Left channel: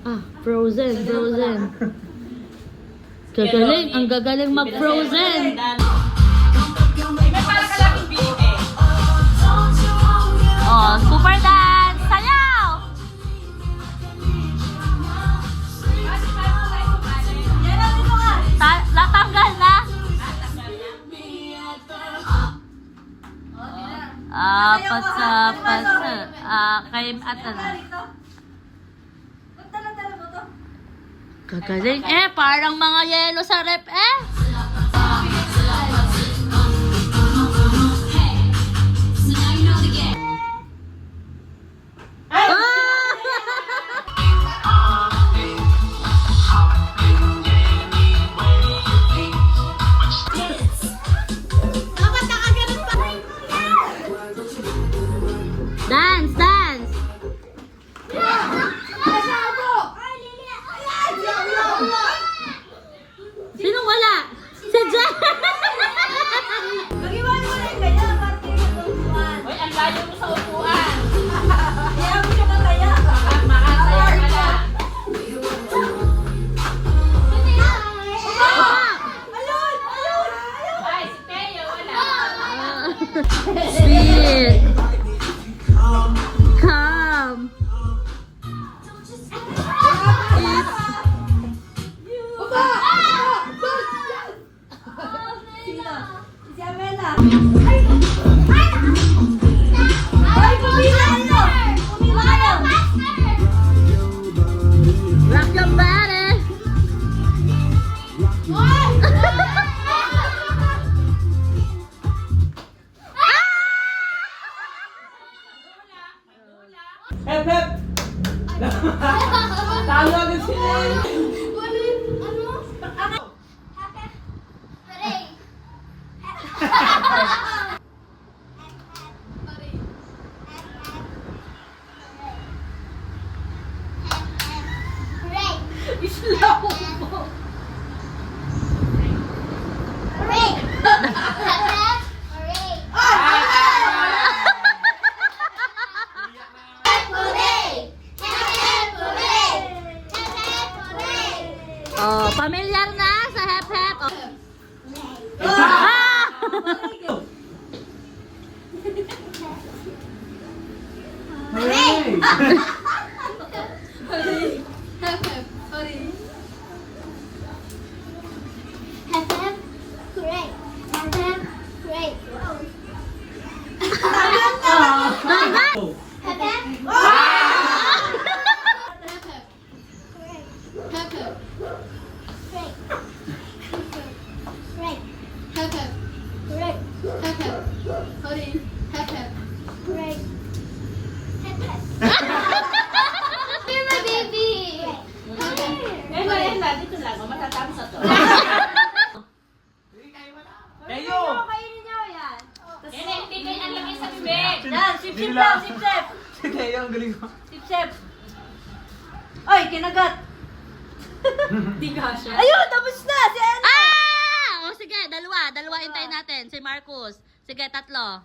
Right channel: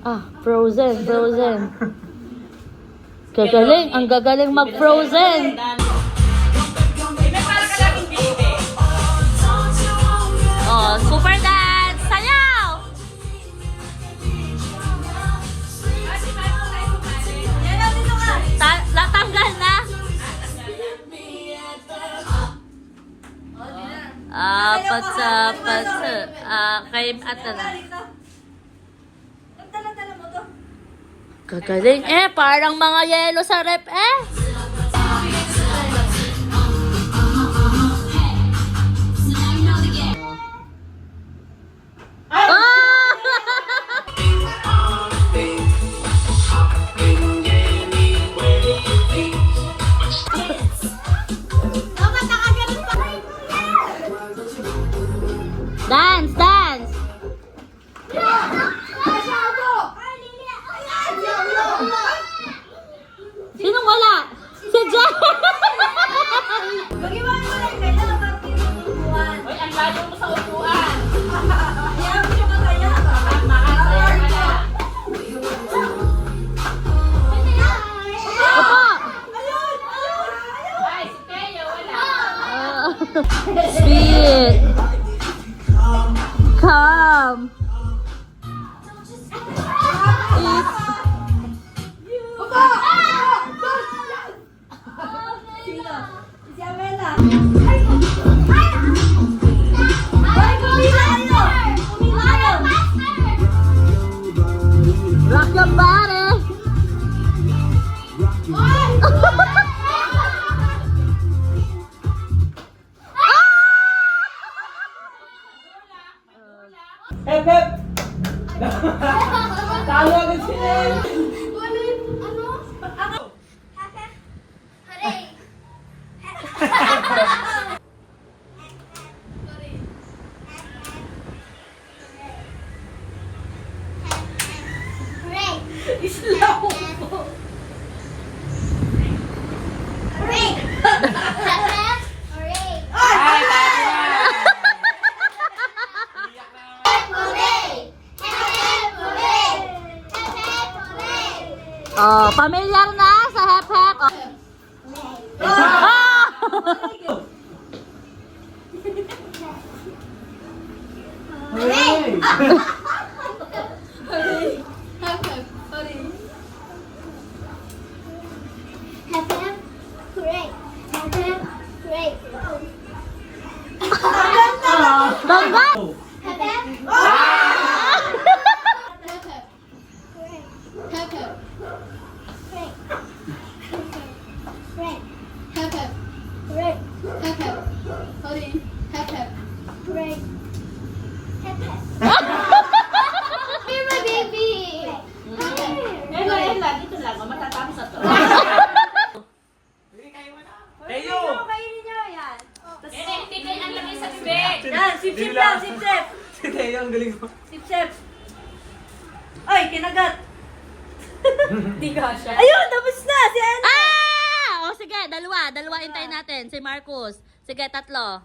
Ah, frozen, frozen. Gagaling, ang gagaling mag-frozen. Oh, super dance! Sayaw! Natanggal na? Kay ata na. Gagaling parang mga yelo sa rep Dance, dance! Sinong wala? Si Jen! Mag-iwan mo lang kaya, ba't yung upuan? Uy, ang layo mo sa upuan. Ayaw mo siya ba kaya? Makasaya ka na. Opo! Ay, si Teo, wala. Spirit! Come! Si Amela. Ay, kumilalo! Kumilalo! Rock your body! Hep, hep! Talo agad sila eh. Oh, pamilyar na sa hep-hep. Oh. Ah! Bangga! Dito lang, matatapos na to. Tayo! Kainin niyo yan. Hindi kayo nalagay sa bibig. Sip-sip lang, sip-sip. Si Tayo, ang galing mo. Sip-sip. Ay, kinagat. Hindi ka siya. Ayun, tapos na. Si Anna. Ah! O sige, dalawa intayin natin. Si Marcus. Sige, tatlo.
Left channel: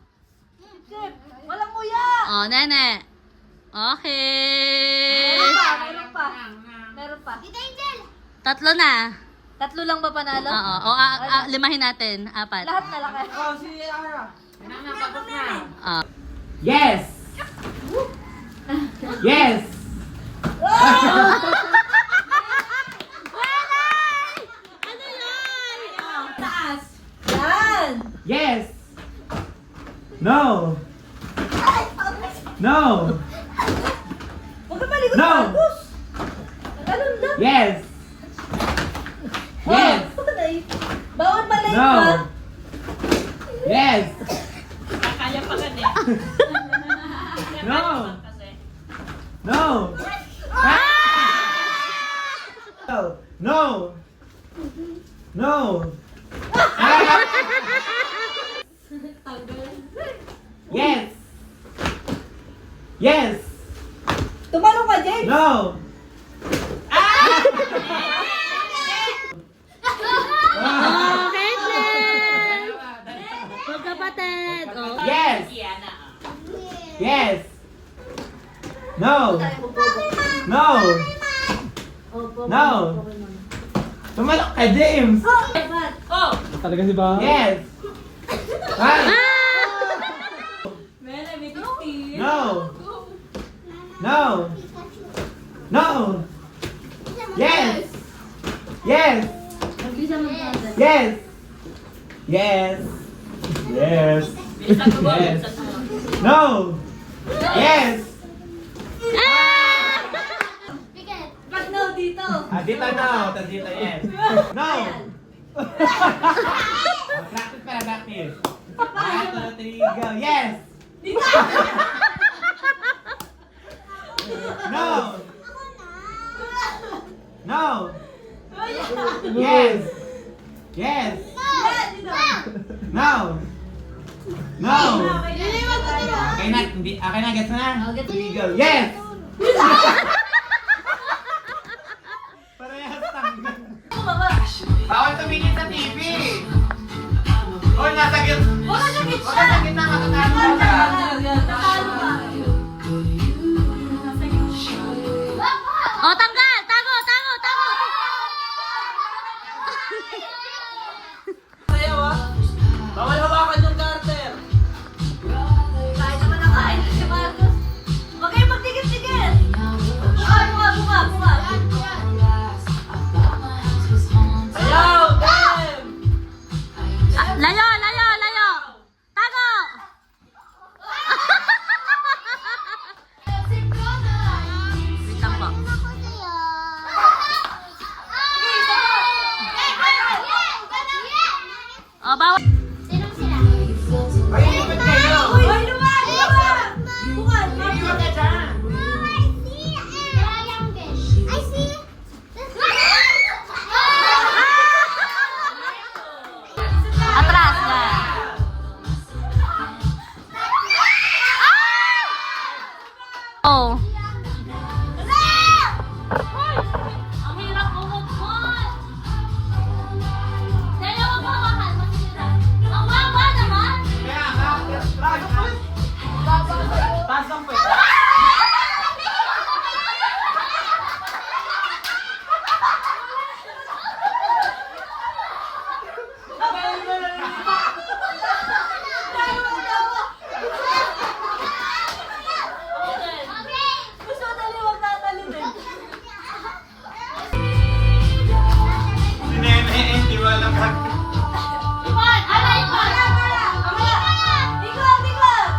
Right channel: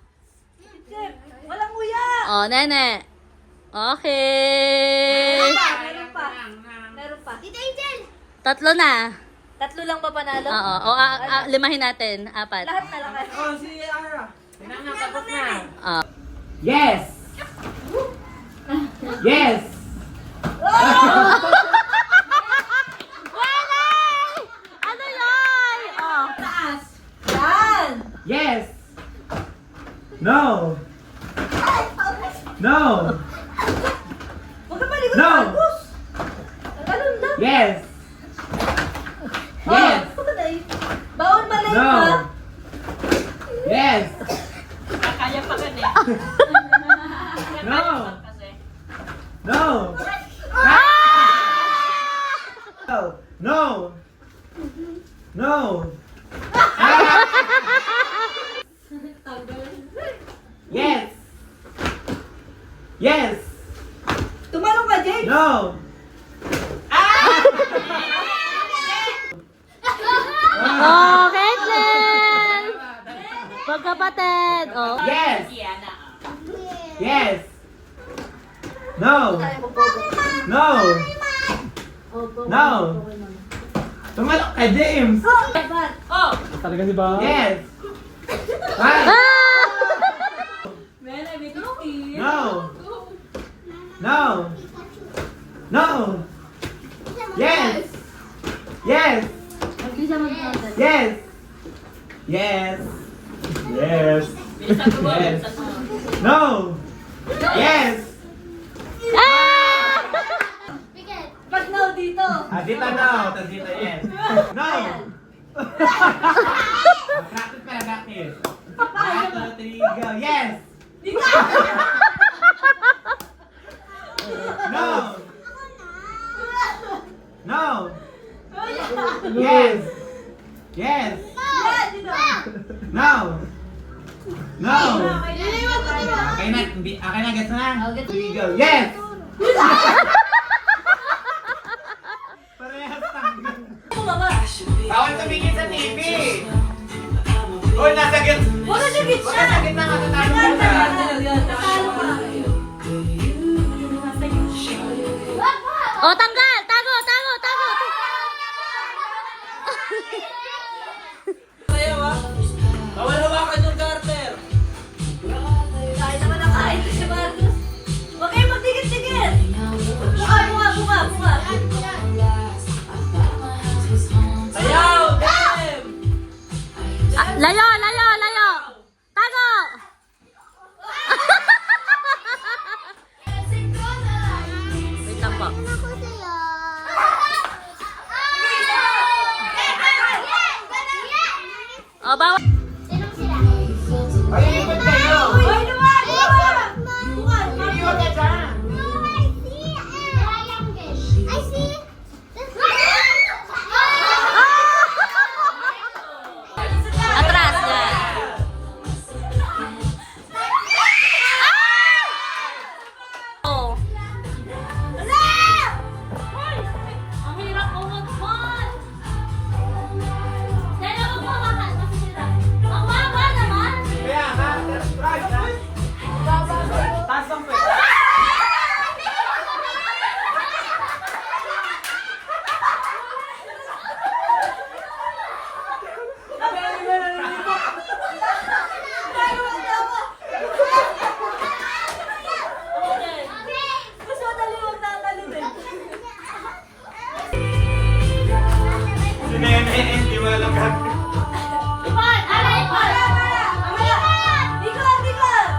Sip-sip. Walang nguya. O, nene. Okay. Meron pa. Meron pa. Tatlo na. Tatlo lang ba panalo? Oo. O, limahin natin. Apat. Lahat na lang kayo. Oh, si Ara. Tapos na. Yes! Yes! Walay! Ano yun? Oh. Taas. Yan. Yes! No! No! Huwag ka palikot, No. Marcus. Ganun lang. Yes! Yes! Bawal malay No! ka. Yes! Kaya pa ganyan. No! Kasi. No! No! No! Yes! Yes! Tumalong ka, Jake. No! Oh, Caitlyn! Magkapatid. Oh. Yes! Kiana. Yes! No! No! No. Tumalok ka, James. Oh! Talaga si ba? Yes. One. Mel, I make it clear. No. No. No. Yes. Yes. Mag-isa mag-content. Yes. Yes. Yes. Bilisan mo, Yes. bilisan mo. No. Yes. Pag no dito. Dito no. Tapos dito yes. No. Practice pala, practice. 1, 2, 3, go. Yes. No. No. Yes. Yes. No. No. Okay na, okay na, gets na. Oh, gets Here we go. Yes. Parehas tanggal. Bawal tumingin sa TV. Oh, nasa gitna. Wala siya gitna. Wala sa gitna, matatalo ka na. Natalo ka. Oh, tanggal! Tago! Tago! Tago! Kahit naman ang kahit si Marcos. Huwag kayong magdikit-dikit. Buka, buka, buka, buka. Layo! Layo! Layo! Tago! Wait lang po. Oh, bawal. Ay, ikot kayo. Uy, luwag, luwag. Buka, Ikot ka dyan. Atras yan. Oh. Ang hirap mo mag-one. Dahil ako mawakan, masisira. Ang wawa naman. Kaya nga, try na. Pasok mo. Mas madali huwag tatalon eh. Si Neme, hindi mo alam ba? Ipan! Aray, Ipan! Ikot, ikot!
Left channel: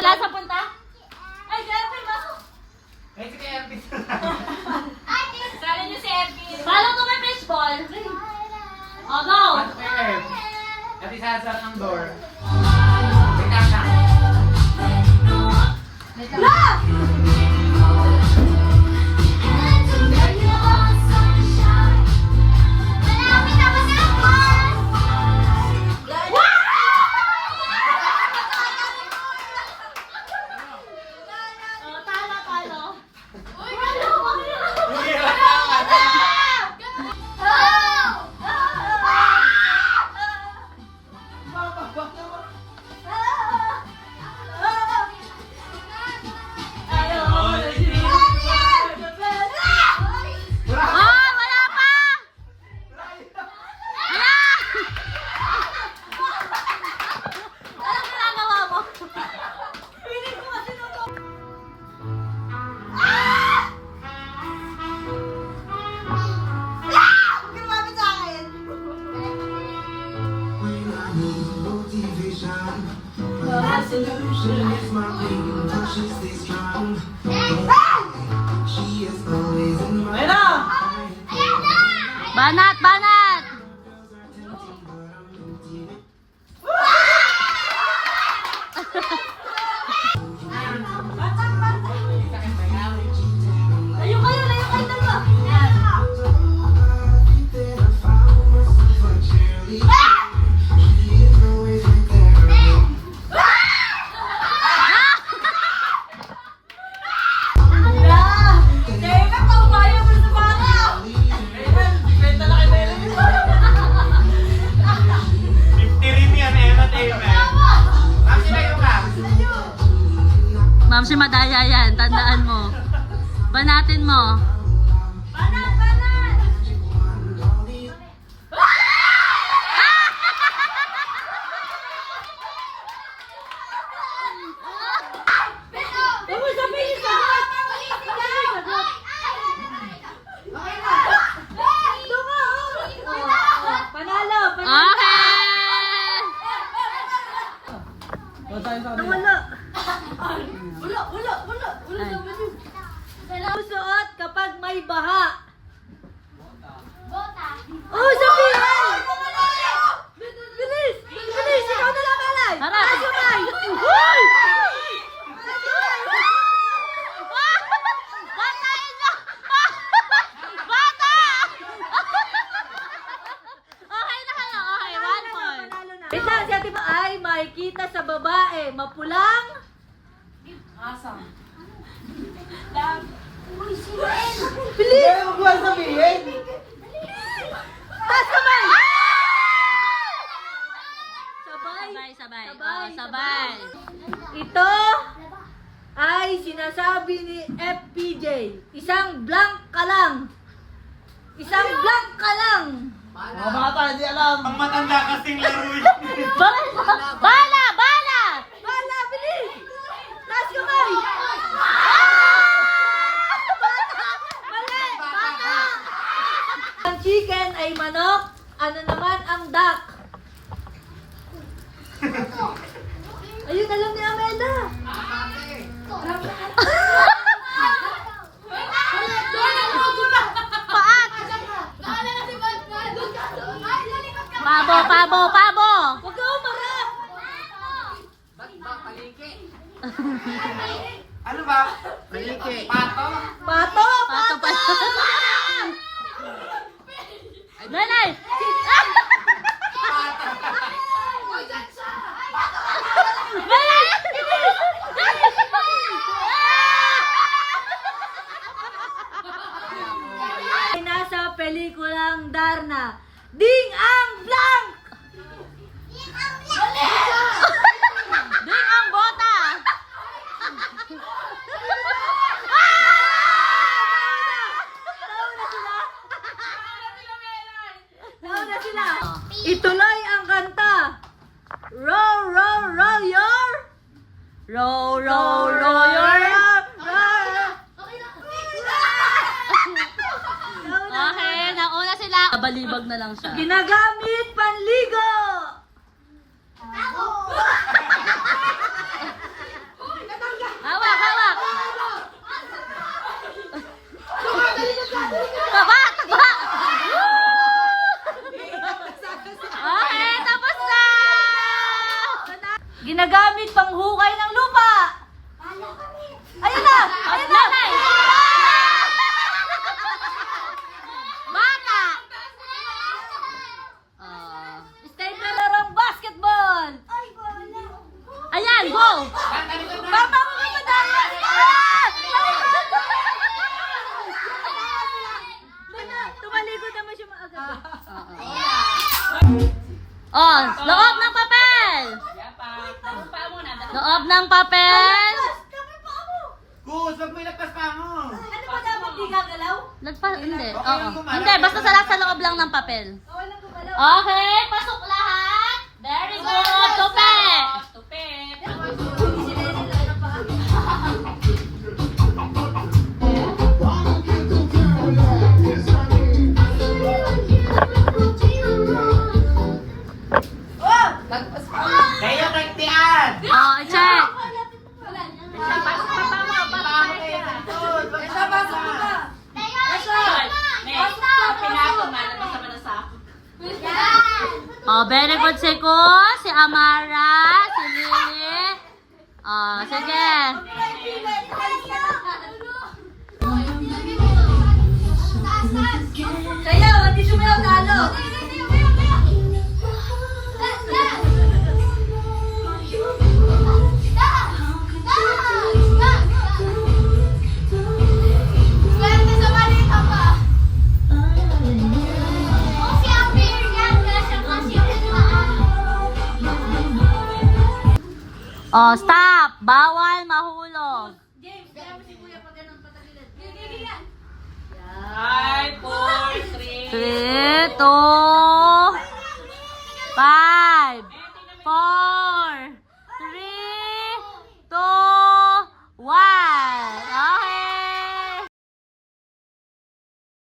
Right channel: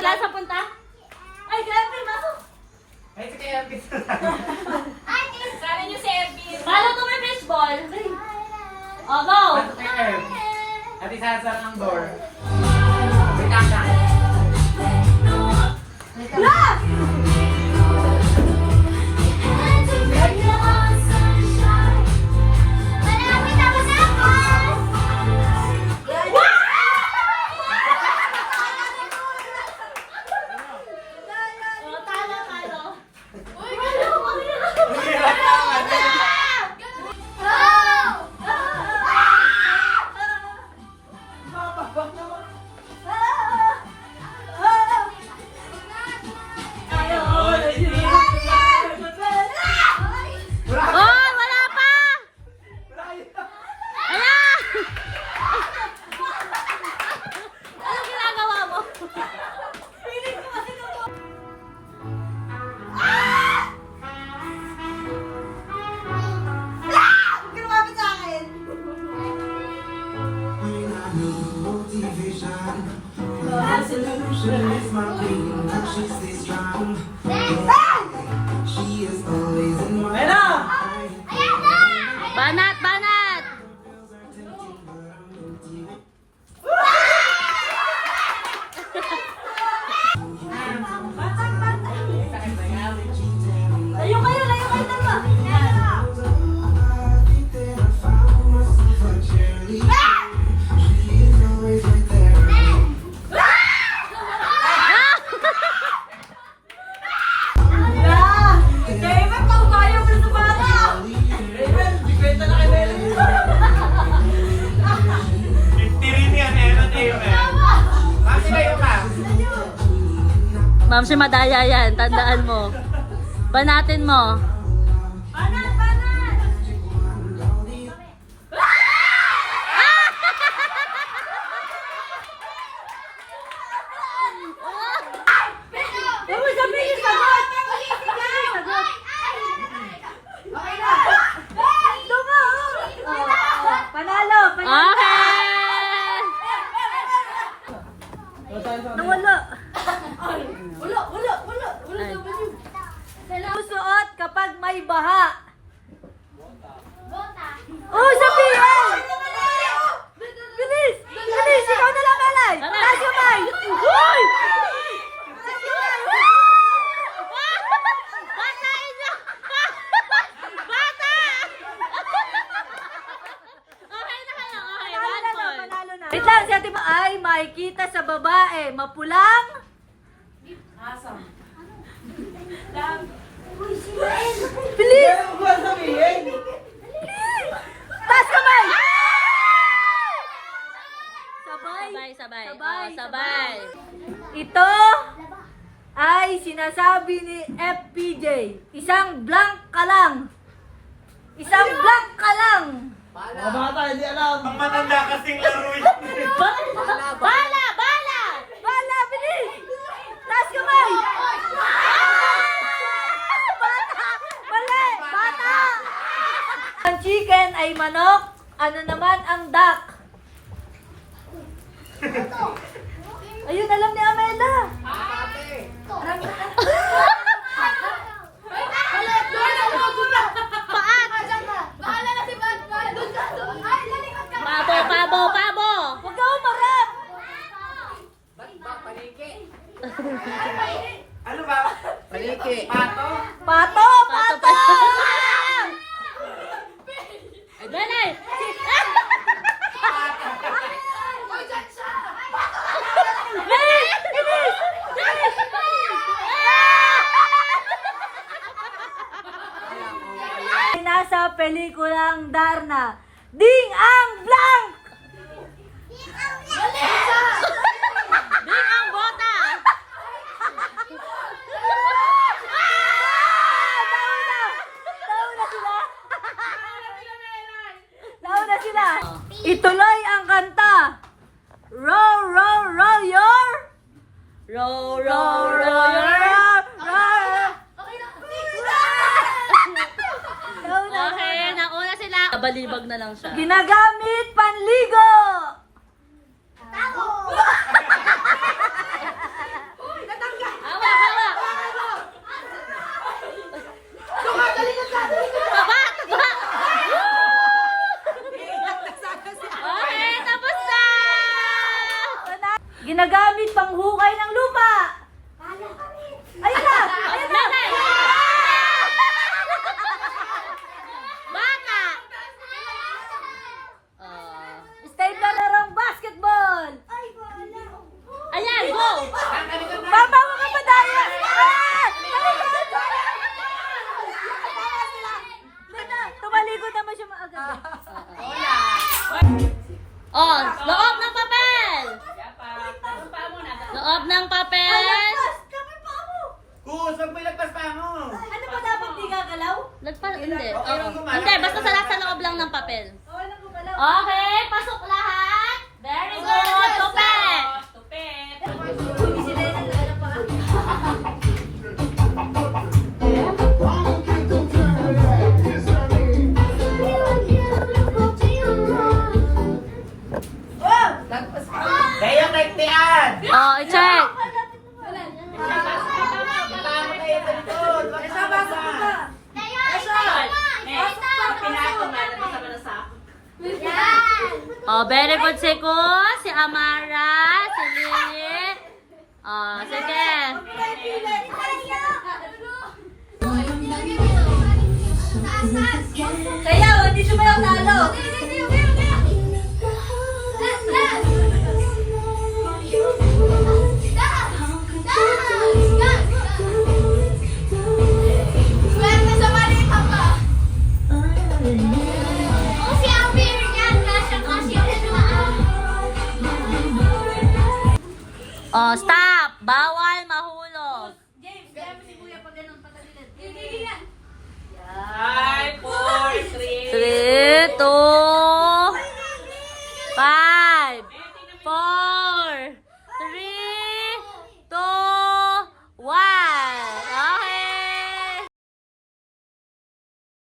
Wala sa punta? Ay, grabe, masok! Ay, si Kaya Elvis. Sana niyo si Ervin. Paano kung may baseball? Oh, go! At isa sa ng door. Oh, talo, talo. Oh, wala pa! Ala! Anong ginagawa mo? Grabe sa akin! Banat, banat! Layo kayo, dalawa! Ah! Ma'am, si Madaya yan. Tandaan mo. Banatin mo. Panalo! Okay! Nawala! Ay. Susuot kapag may baha. Oh, sabi! Bilis! Bilis! Ikaw na lang, Alay! Tara! Sabay! Uy! Bata inyo! Bata! Okay na kayo. Okay, 1 point. Wait lang, si Ate Ma ay makikita sa babae. Mapulang? Bilis! Kaya mo ba sabihin? Taas kamay! Sabay, sabay. Oh, sabay. Ito ay sinasabi ni FPJ. Isang blank ka lang. Isang blank ka lang. Mga bata, hindi alam. Ang matanda kasing laro yun. Bala! Bala! Bala, bilis! Taas kamay! Mali! Bata! Ang chicken ay manok. Ano naman ang duck? Ayun, alam ni Amela. Paat! Pabo, pabo, pabo! Huwag ka umagat! Ano ba? Paliki. Pato? Pato! Pato pa. Nanay! Ay nasa pelikulang Darna. Ding ang blank! Ding ang bota! Launa sila. Ituloy ang kanta. Row, row, row your... Row, row, row your... Okay, nauna sila. Balibag na lang siya. Ginagamit panligo. Hawak, hawak! Taba, taba! Okay, tapos na! Ginagamit panghukay ng lupa. Ayun na! Ayun na! Nanay! Bata! Stay na larong basketball. Ayan, go! Papa mo ka pa tayo! Ah! Talikod! Tumalikod naman siya maaga. Oh, loob ng papel! Loob ng papel! Kus, wag mo ilagpas pa mo. Ano pa dapat di gagalaw? Lagpas, hindi. Oo. Hindi, basta sa loob lang ng papel. Walang gagalaw. Okay, pasok lahat! Very good! Tupe! Kaya nagtiyan. Oh, i-check! Oh, very good si Kus, si Amara, si Lily. Oh, sige. Kaya, hindi siya malatalo. Oh, stop! Bawal mahulog. pag ganun